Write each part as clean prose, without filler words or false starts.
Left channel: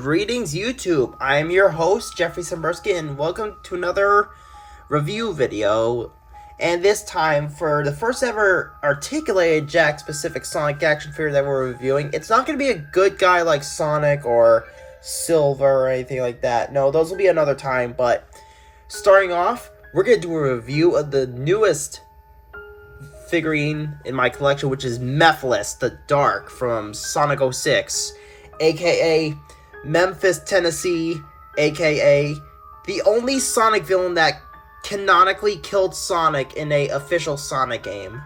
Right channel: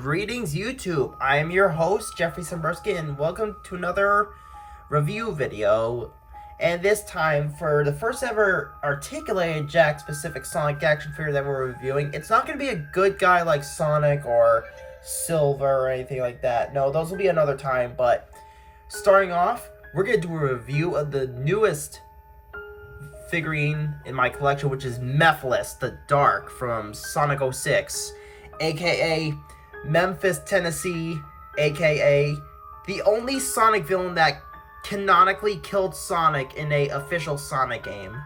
Greetings YouTube, I'm your host Jeffrey Simberski and welcome to another review video. And this time for the first ever articulated Jakks specific Sonic action figure that we're reviewing. It's not going to be a good guy like Sonic or Silver or anything like that. No, those will be another time, but starting off, we're going to do a review of the newest figurine in my collection, which is Mephiles the Dark from Sonic 06, aka Memphis, Tennessee, aka the only Sonic villain that canonically killed Sonic in a official Sonic game,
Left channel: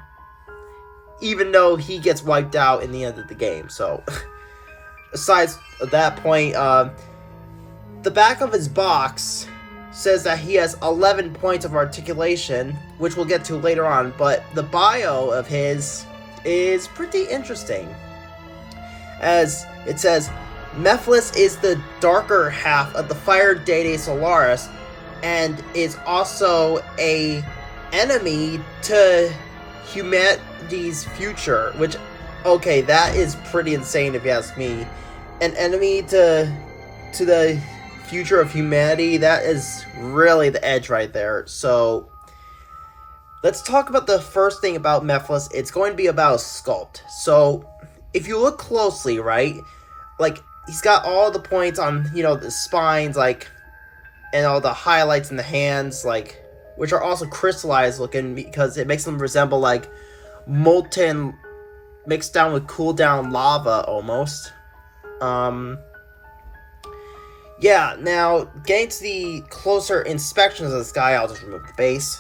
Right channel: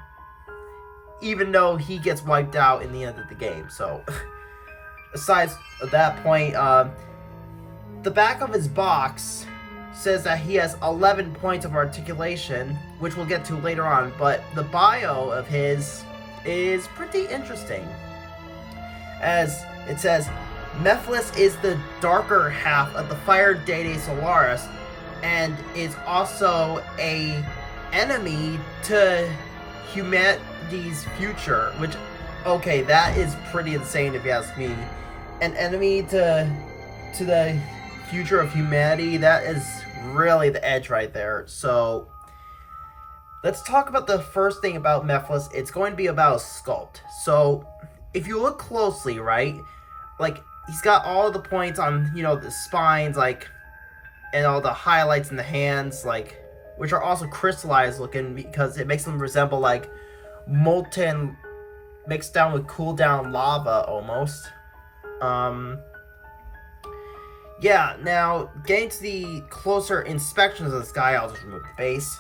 even though he gets wiped out in the end of the game. So besides that point, the back of his box says that he has 11 points of articulation, which we'll get to later on, but the bio of his is pretty interesting, as it says Mephiles is the darker half of the Fire Deity Solaris and is also a enemy to humanity's future, which, okay, that is pretty insane if you ask me. An enemy to the future of humanity, that is really the edge right there. So let's talk about the first thing about Mephiles. It's going to be about sculpt. So if you look closely, right, like, he's got all the points on, you know, the spines, like, and all the highlights in the hands, like, which are also crystallized looking because it makes them resemble, like, molten mixed down with cooled down lava almost. Yeah, now, getting to the closer inspections of this guy, I'll just remove the base.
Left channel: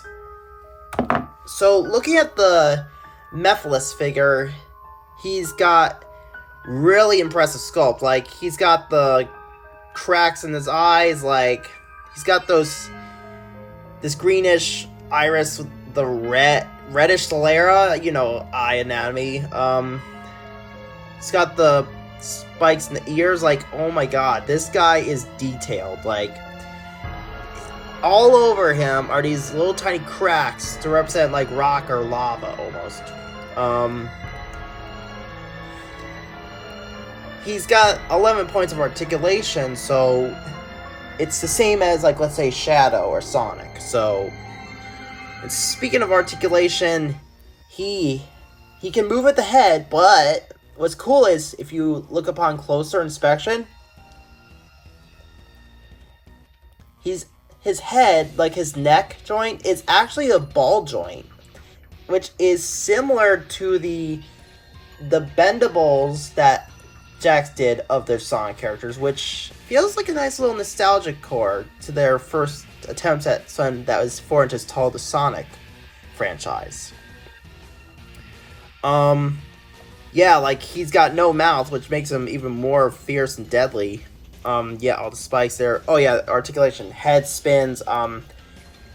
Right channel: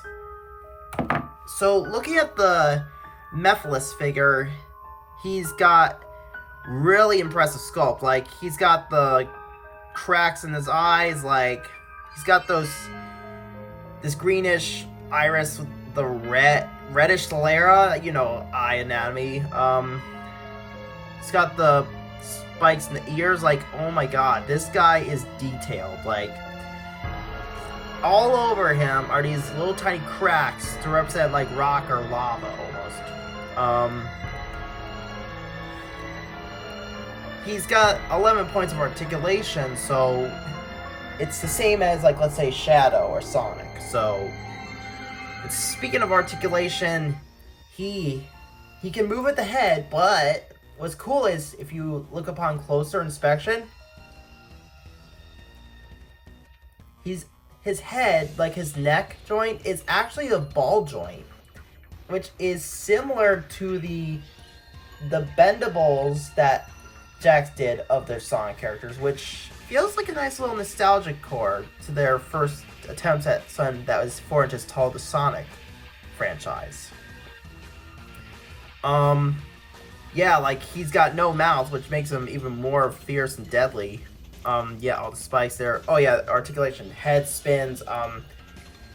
So, looking at the Mephiles figure, he's got really impressive sculpt. Like, he's got the cracks in his eyes, like, he's got this greenish iris with the reddish sclera, you know, eye anatomy. He's got the spikes in the ears. Like, oh my god, this guy is detailed. Like, all over him are these little tiny cracks to represent, like, rock or lava almost. He's got 11 points of articulation, so it's the same as, like, let's say Shadow or Sonic. So, speaking of articulation, he can move with the head, but what's cool is, if you look upon closer inspection, his head, like his neck joint, is actually a ball joint, which is similar to the bendables that Jakks did of their Sonic characters, which feels like a nice little nostalgic core to their first attempts at something that was 4 inches tall, the Sonic franchise. Yeah, like, he's got no mouth, which makes him even more fierce and deadly. Yeah, all the spikes there. Oh yeah, articulation, head spins.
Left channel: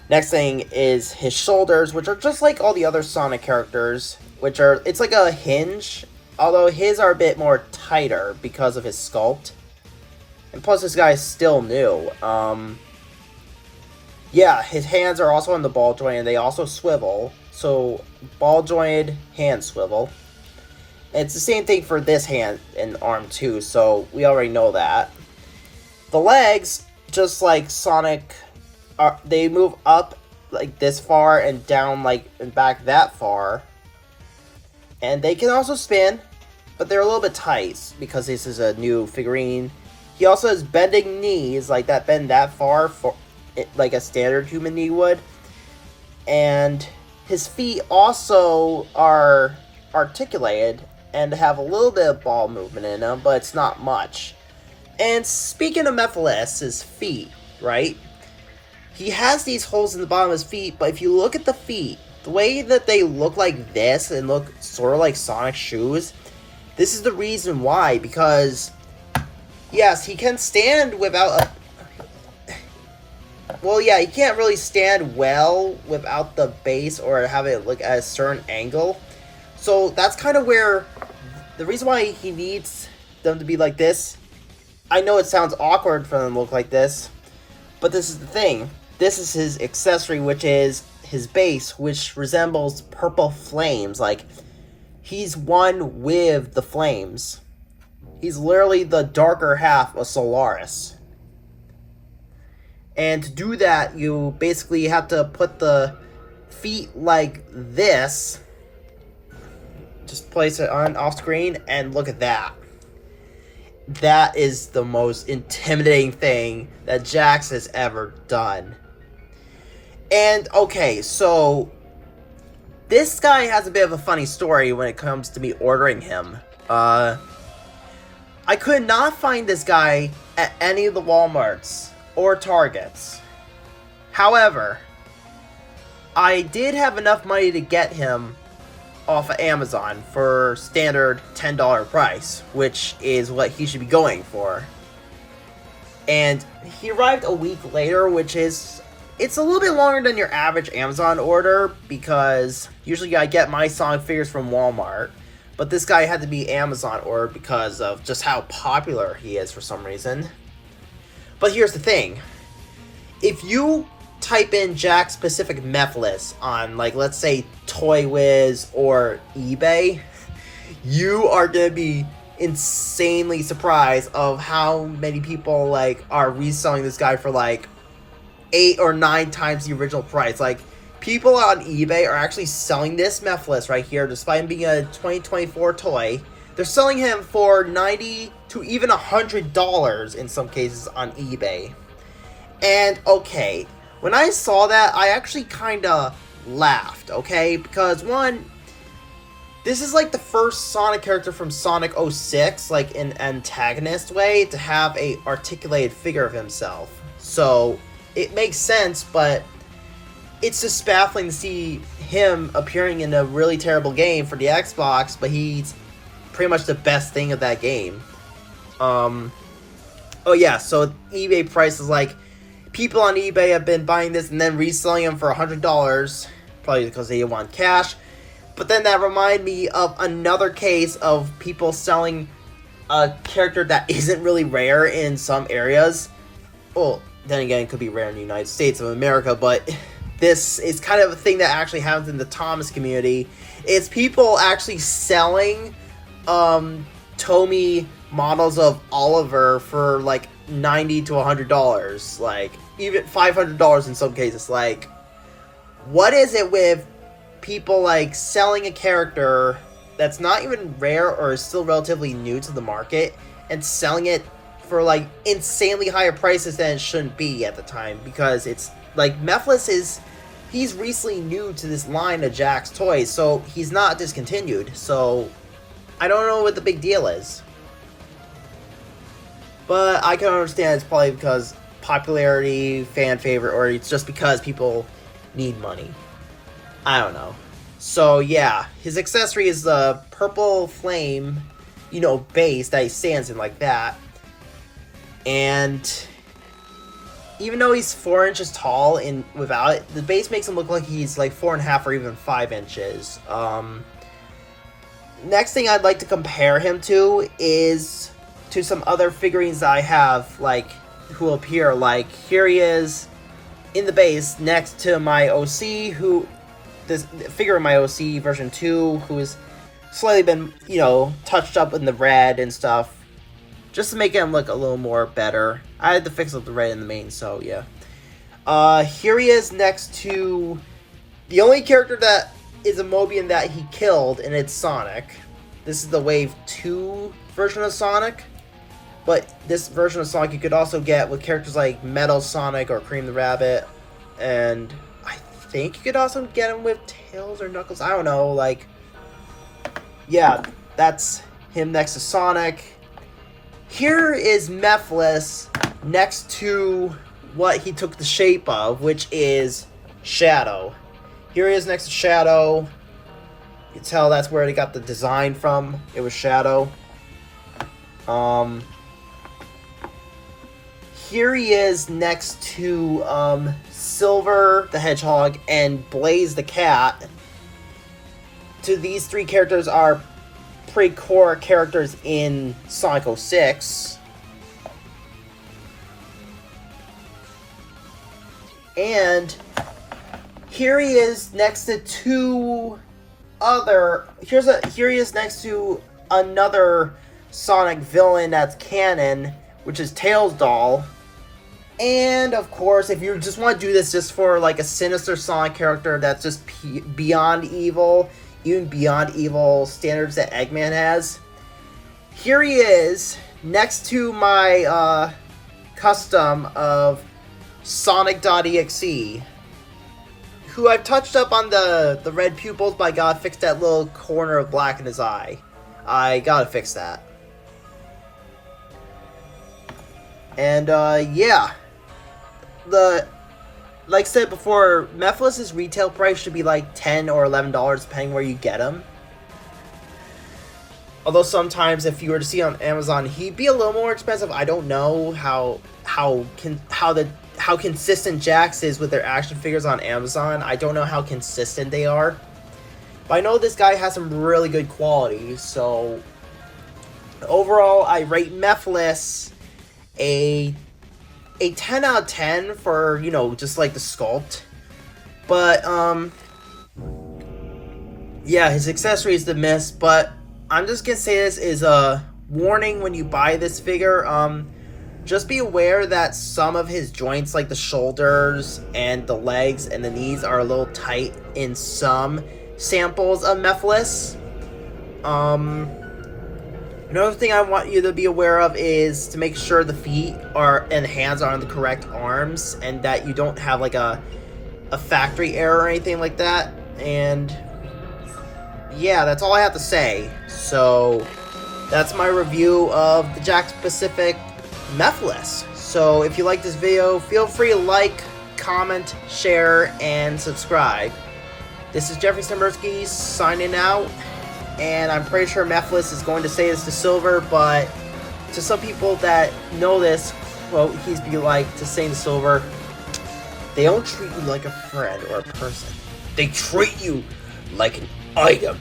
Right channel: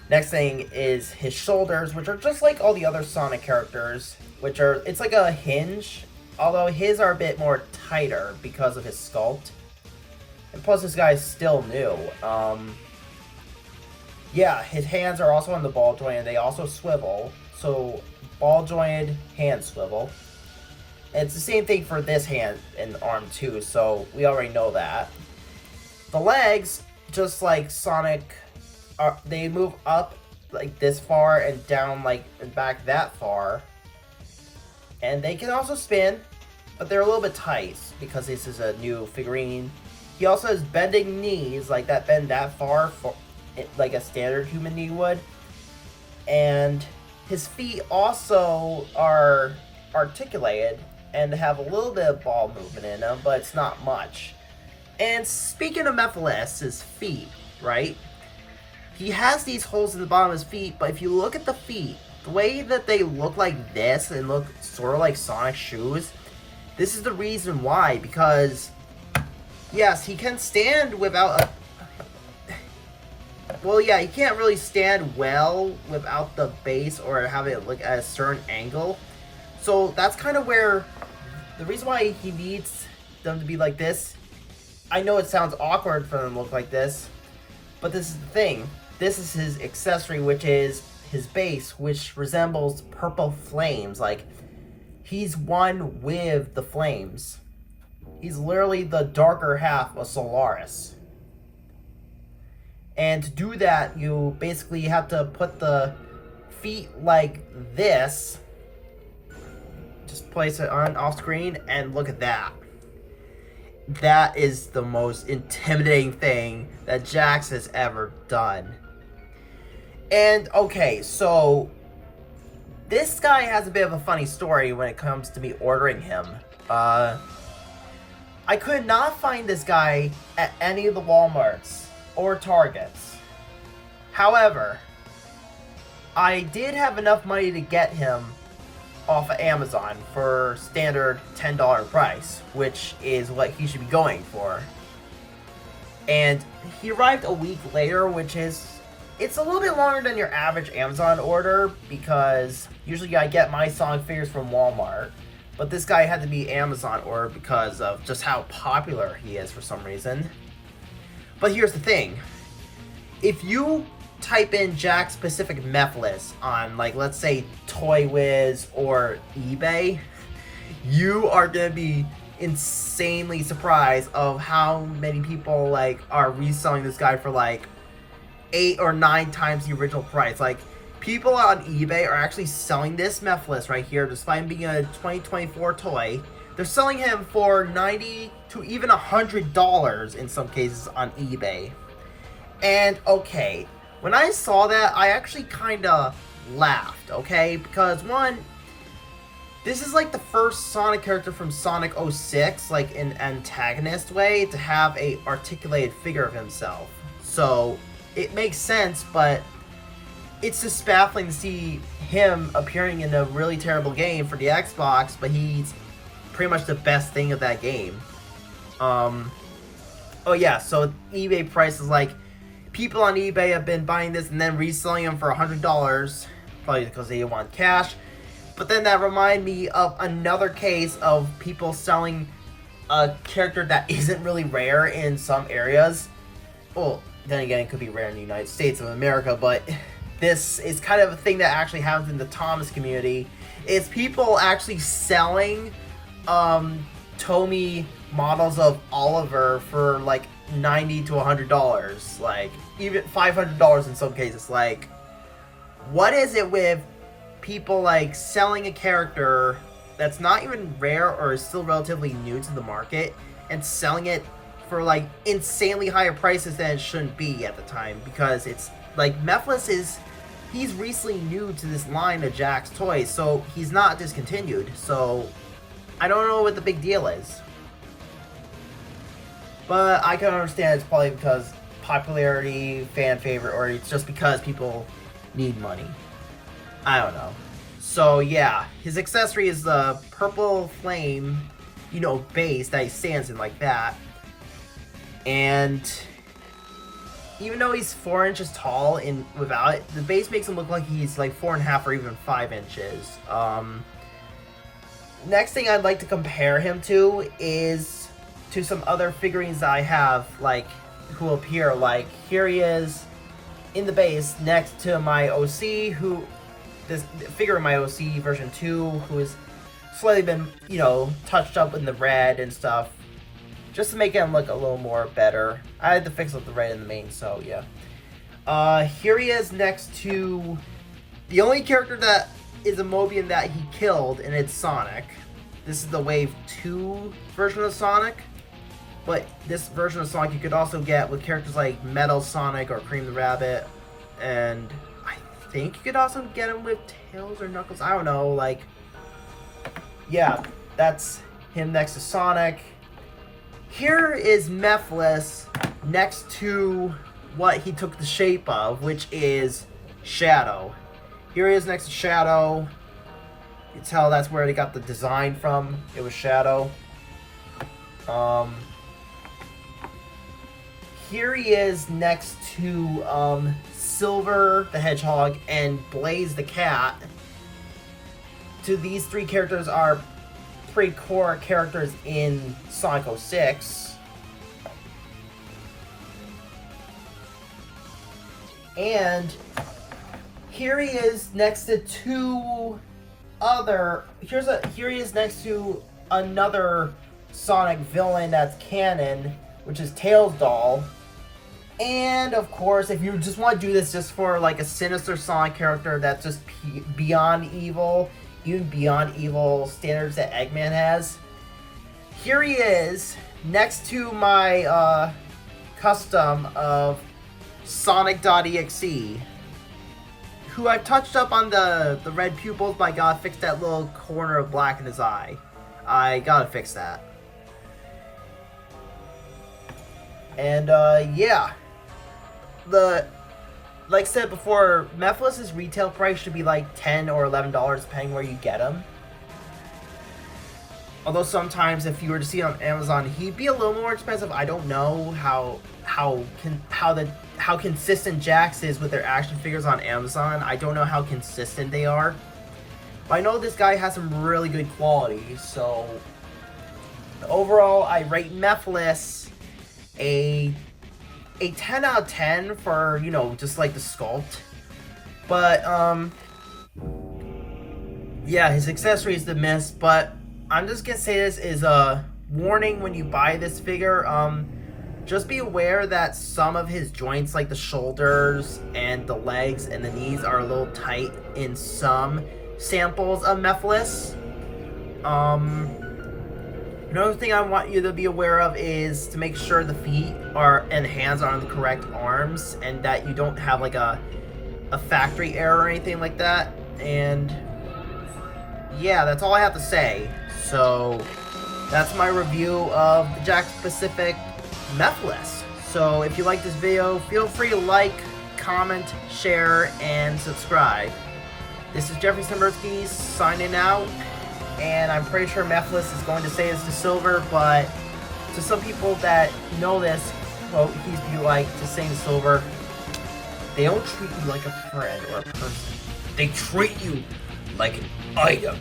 Next thing is his shoulders, which are just like all the other Sonic characters, which are, it's like a hinge, although his are a bit more tighter because of his sculpt. And plus, this guy is still new. Yeah, his hands are also on the ball joint, and they also swivel. So, ball jointed, hand swivel. And it's the same thing for this hand and arm too, so we already know that. The legs, just like Sonic, they move up like this far and down like and back that far. And they can also spin, but they're a little bit tight because this is a new figurine. He also has bending knees, like that bend that far, for like a standard human knee would. And his feet also are articulated and have a little bit of ball movement in them, but it's not much. And speaking of Mephiles' feet, right? He has these holes in the bottom of his feet, but if you look at the feet, the way that they look like this and look sort of like Sonic shoes, this is the reason why, because yes, he can stand without a... Well, yeah, he can't really stand well without the base or have it look at a certain angle. So that's kind of where the reason why he needs them to be like this. I know it sounds awkward for them to look like this, but this is the thing. This is his accessory, which is his base, which resembles purple flames. Like, he's one with the flames. He's literally the darker half of Solaris. And to do that, you basically have to put the feet like this. Just place it on off screen and look at that. That is the most intimidating thing that Jakks has ever done. And okay, so this guy has a bit of a funny story when it comes to me ordering him. I could not find this guy at any of the Walmarts or Targets. However, I did have enough money to get him off of Amazon for standard $10 price, which is what he should be going for. And he arrived a week later, which is, it's a little bit longer than your average Amazon order, because usually I get my Sonic figures from Walmart, but this guy had to be Amazon order because of just how popular he is for some reason. But here's the thing. If you type in Jakks specific Mephiles on, like, let's say Toy Wiz or eBay, you are gonna be insanely surprised of how many people like are reselling this guy for like 8 or 9 times the original price. Like, people on eBay are actually selling this Mephiles right here, despite him being a 2024 toy. They're selling him for $90 to even $100 in some cases on eBay. And okay, when I saw that, I actually kind of laughed, okay? Because, one, this is like the first Sonic character from Sonic 06, like in an antagonist way, to have a articulated figure of himself. So, it makes sense, but it's just baffling to see him appearing in a really terrible game for the Xbox, but he's pretty much the best thing of that game. Oh yeah, so eBay price is like, people on eBay have been buying this and then reselling them for $100, probably because they want cash. But then that reminded me of another case of people selling a character that isn't really rare in some areas. Well, then again, it could be rare in the United States of America, but this is kind of a thing that actually happens in the Thomas community. It's people actually selling Tomy models of Oliver for like $90 to $100, like even $500 in some cases. Like, what is it with people like selling a character that's not even rare or is still relatively new to the market and selling it for like insanely higher prices than it shouldn't be at the time? Because it's like, Mephiles he's recently new to this line of Jakks toys, so he's not discontinued. So I don't know what the big deal is. But I can understand it's probably because popularity, fan favorite, or it's just because people need money. I don't know. So yeah, his accessory is the purple flame, you know, base that he stands in like that. And even though he's 4 inches tall and without it, the base makes him look like he's like 4.5 or even 5 inches. Next thing I'd like to compare him to is to some other figurines that I have, like, who appear. Like, here he is in the base next to my OC, who, this figure in my OC version 2, who's slightly been, you know, touched up in the red and stuff, just to make him look a little more better. I had to fix up the red in the main, so yeah. Here he is next to the only character that is a Mobian that he killed, and it's Sonic. This is the Wave 2 version of Sonic. But this version of Sonic you could also get with characters like Metal Sonic or Cream the Rabbit. And I think you could also get him with Tails or Knuckles. I don't know, like, yeah, that's him next to Sonic. Here is Mephiles next to what he took the shape of, which is Shadow. Here he is next to Shadow. You can tell that's where they got the design from. It was Shadow. Here he is next to Silver the Hedgehog and Blaze the Cat. These 3 characters are pretty core characters in Sonic 06. And here he is next to 2 other. Here he is next to another Sonic villain that's canon, which is Tails' doll. And of course, if you just want to do this just for like a sinister Sonic character that's just beyond evil, even beyond evil standards that Eggman has, here he is next to my custom of Sonic.exe, who I've touched up on the red pupils, but I gotta fix that little corner of black in his eye. I gotta fix that. And yeah. Like I said before, Mephiles' retail price should be like $10 or $11 depending where you get him. Although sometimes if you were to see on Amazon, he'd be a little more expensive. I don't know how consistent Jakks is with their action figures on Amazon. I don't know how consistent they are. But I know this guy has some really good quality. So overall, I rate Mephiles a 10 out of 10 for, you know, just like the sculpt. But yeah, his accessory is the miss, but I'm just gonna say this is a warning when you buy this figure. Just be aware that some of his joints, like the shoulders and the legs and the knees, are a little tight in some samples of Mephiles. Another thing I want you to be aware of is to make sure the feet are and hands are on the correct arms, and that you don't have like a factory error or anything like that. And yeah, that's all I have to say. So that's my review of the Jakks Pacific Mephiles. So if you like this video, feel free to like, comment, share, and subscribe. This is Jeffrey Stemberski signing out. And I'm pretty sure Mephiles is going to say this to Silver, but to some people that know this, well, he's be like to saying to Silver, they don't treat you like a friend or a person. They treat you like an item.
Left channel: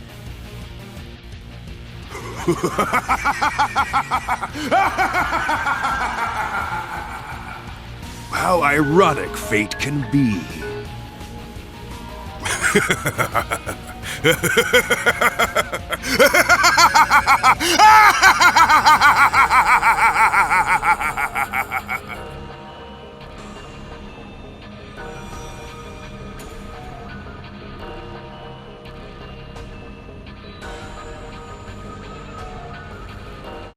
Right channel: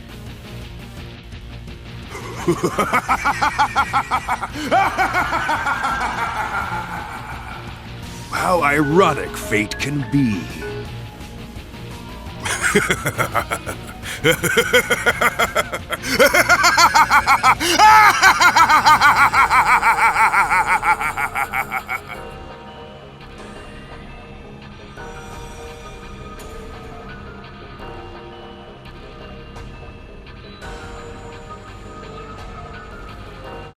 How ironic fate can be.